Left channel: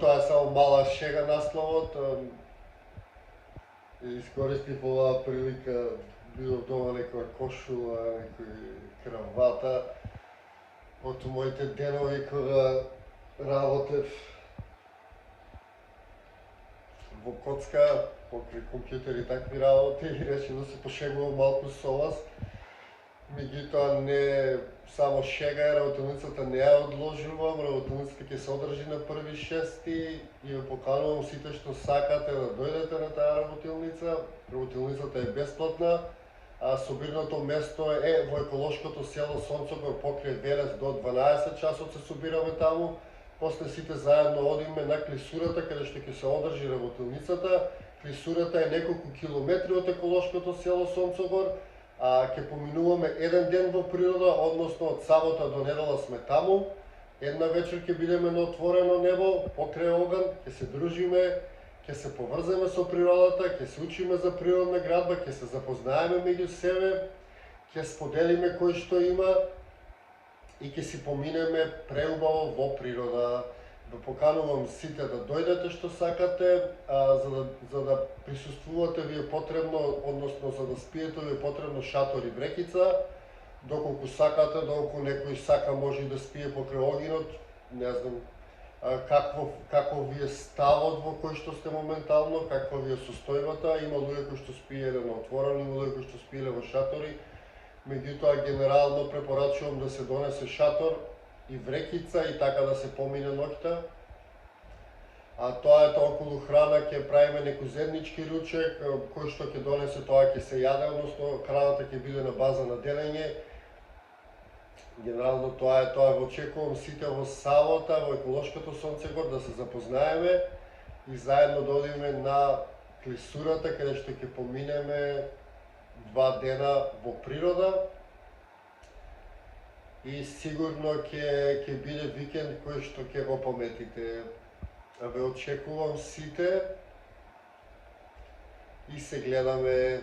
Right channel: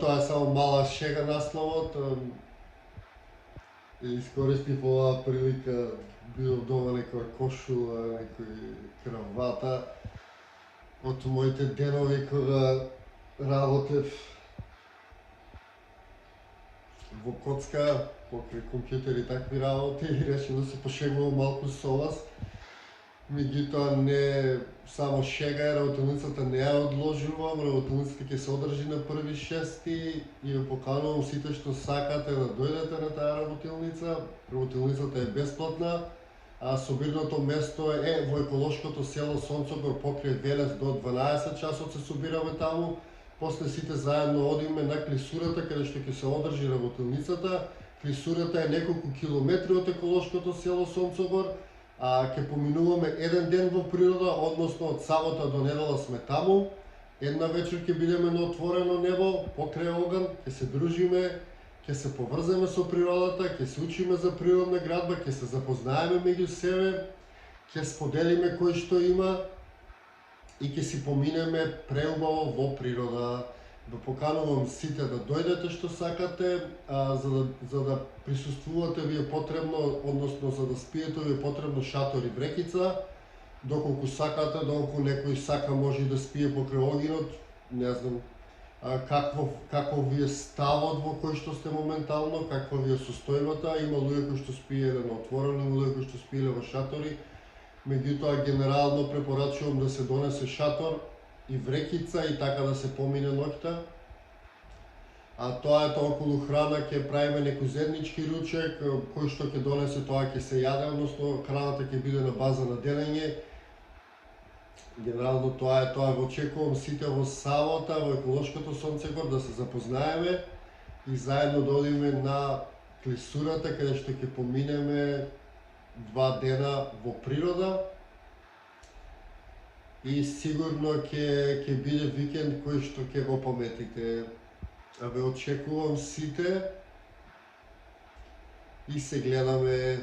Тоа е само мала шега насловот. Искористив оваа прилика, бидов дома некоја кошула, некој кравата. Од моите денови кога работев во коцка, покрај компјутер и такви работи, и решив да се пошегувам малку со вас. Меѓутоа не само шега е, работилницата не ја одложувам, работилницата ќе се одржи на 1.6. и ја поканувам сите што сакате да дојдете на таа работилница. Работилницата е бесплатна, а собирното место е во еколошкото село Сонцогор покрај Венец. До 12 часот се собираме таму. После сите заедно одиме на клисурата каде што ќе се одржи работилницата. Клисурата е неколку километри од еколошкото село Сонцогор. Ќе поминуваме еден ден во природа, односно од сабота до недела сме таму. Една вечер ќе бидеме на отворено небо, покрај оган, ќе се дружиме, ќе се поврземе со природата, ќе се учиме за природна градба, ќе се запознаеме меѓу себе, ќе споделиме кој што има и ќе си поминеме преубаво во природа. Ве поканувам сите да дојдете што сакате, за да присуствувате ви е потребно, односно за да спиете ви е потребно шатор и брекица. Доколку сакате, доколку некој сака може да спие покрај огинот, не знам какво ви е ставот во кој што сте моментално, каква ви е состојбата. Има луѓе кои што спиеле на отворено, има луѓе кои што спиеле во шатори. Меѓутоа генерално препорачувам да се донесе шатор и врекица и така да се помине ноќта. Тоа е тоа околу храна, ќе правиме некој заеднички ручек, кој што ќе донесе тоа ќе се јаде, односно храната ќе биде на база на делење. Генерално тоа е тоа. Во очекувам сите во сабота во еколошкото Сонцегор да се запознаеме и заедно да одиме на клисурата каде што ќе поминеме 2 дена во природа. И сигурно ќе биде викенд кој што ќе го пометите. Ве очекувам сите и се гледаме